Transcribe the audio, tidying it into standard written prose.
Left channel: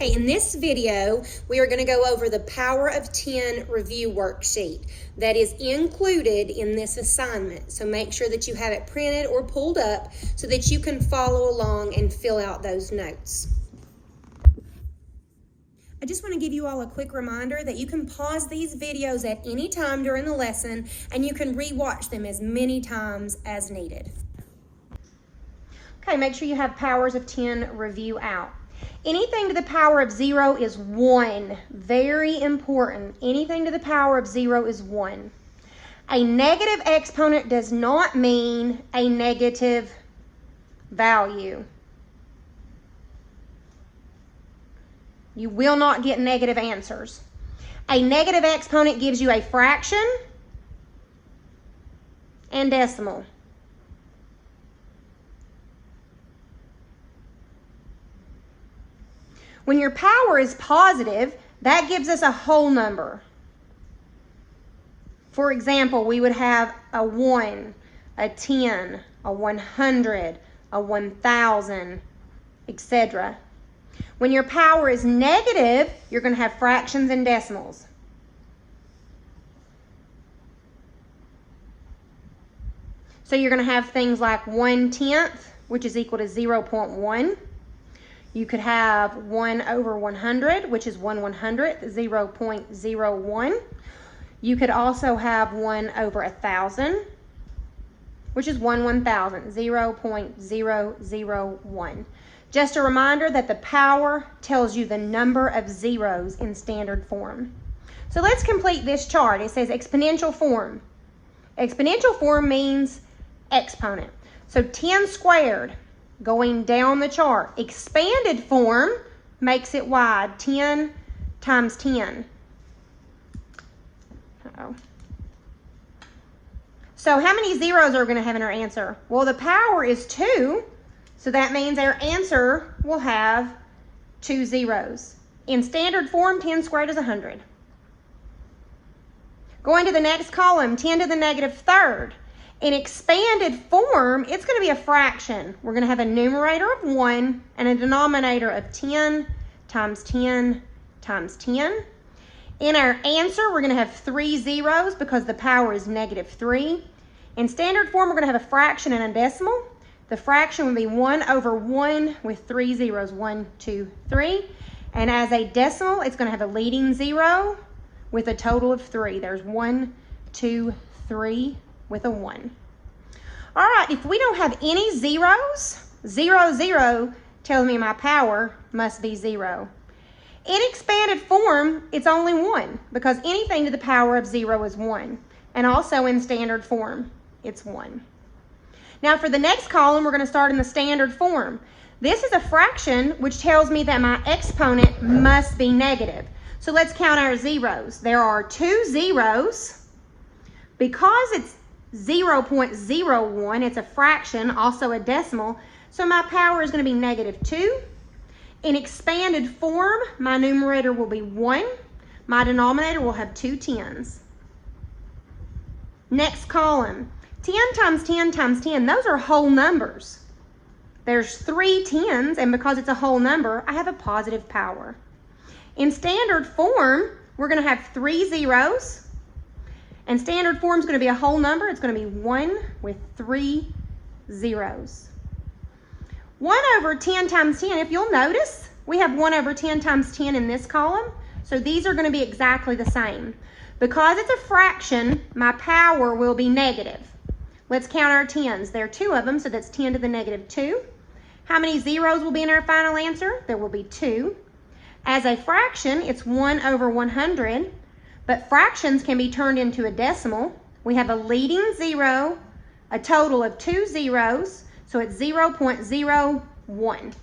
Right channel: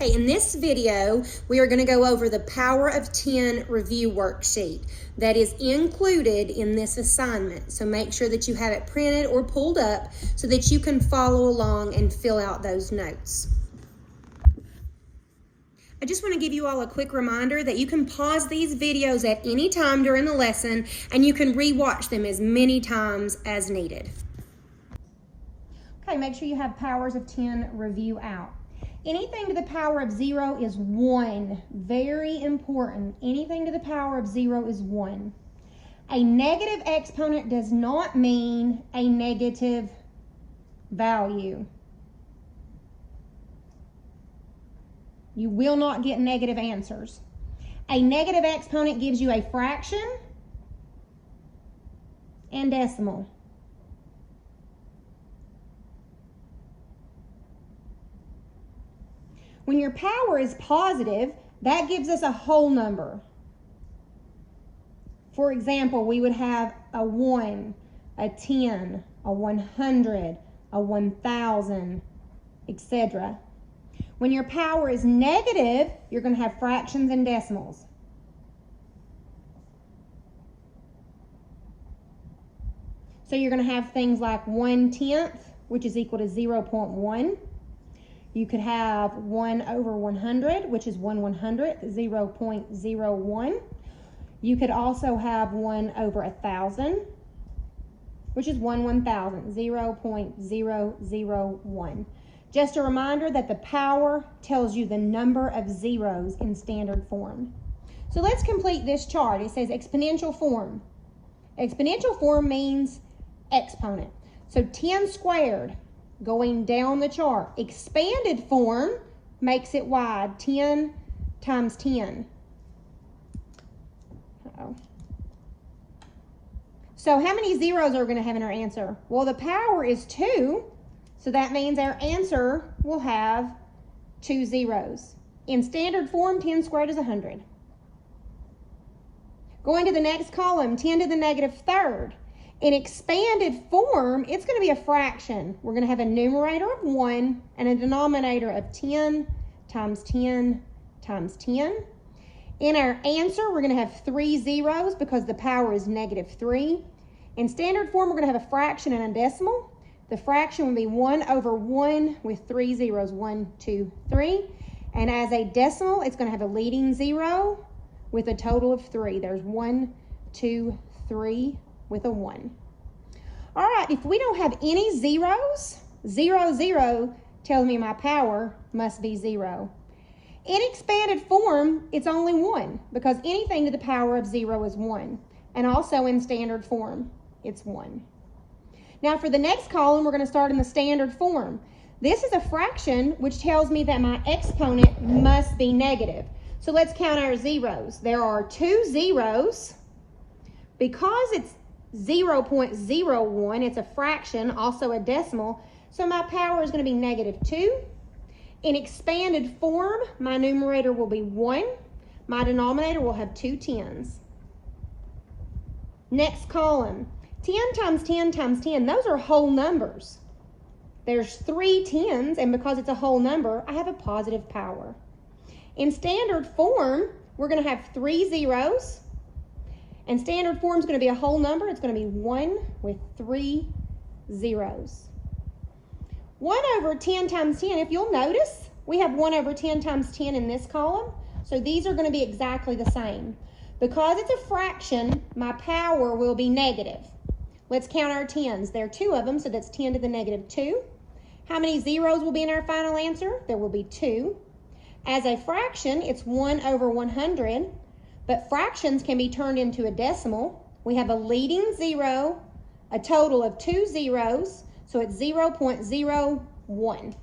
Okay, in this video, we are going to go over the Power of 10 review worksheet that is included in this assignment. So make sure that you have it printed or pulled up so that you can follow along and fill out those notes. I just want to give you all a quick reminder that you can pause these videos at any time during the lesson and you can re-watch them as many times as needed. Okay, make sure you have Powers of 10 review out. Anything to the power of 0 is 1. Very important. Anything to the power of 0 is 1. A negative exponent does not mean a negative value. You will not get negative answers. A negative exponent gives you a fraction and decimal. When your power is positive, that gives us a whole number. For example, we would have a 1, a 10, a 100, a 1,000, etc. When your power is negative, you're going to have fractions and decimals. So you're going to have things like 1/10, which is equal to 0.1. You could have 1 over 100, which is 1/100th, 0.01. You could also have 1 over 1,000, which is 1/1000th, 0.001. Just a reminder that the power tells you the number of zeros in standard form. So let's complete this chart. It says exponential form. Exponential form means exponent. So 10 squared. Going down the chart. Expanded form makes it wide. 10 times 10. Uh-oh. So how many zeros are we going to have in our answer? Well, the power is 2, so that means our answer will have 2 zeros. In standard form, 10 squared is 100. Going to the next column, 10 to the negative third. In expanded form, it's going to be a fraction. We're going to have a numerator of 1 and a denominator of 10 times 10 times 10. In our answer, we're going to have 3 zeros because the power is -3. In standard form, we're going to have a fraction and a decimal. The fraction will be 1 over 1 with 3 zeros, 1, 2, 3. And as a decimal, it's going to have a leading 0 with a total of 3. There's 1, 2, 3. With a 1. All right, if we don't have any zeros, 0, 0 tells me my power must be 0. In expanded form, it's only 1 because anything to the power of 0 is 1. And also in standard form, it's 1. Now for the next column, we're going to start in the standard form. This is a fraction, which tells me that my exponent must be negative. So let's count our zeros. There are 2 zeros. Because it's 0.01, it's a fraction, also a decimal, so my power is going to be -2. In expanded form, my numerator will be 1. My denominator will have 2 10s. Next column, 10 times 10 times 10, those are whole numbers. There's 3 10s, and because it's a whole number, I have a positive power. In standard form, we're going to have 3 zeros. And standard form is going to be a whole number. It's going to be 1 with 3 zeros. 1 over 10 times 10, if you'll notice, we have 1 over 10 times 10 in this column. So these are going to be exactly the same. Because it's a fraction, my power will be negative. Let's count our 10s. There are 2 of them, so that's 10 to the -2. How many zeros will be in our final answer? There will be 2. As a fraction, it's 1 over 100. But fractions can be turned into a decimal. We have a leading 0, a total of 2 zeros, so it's 0.01.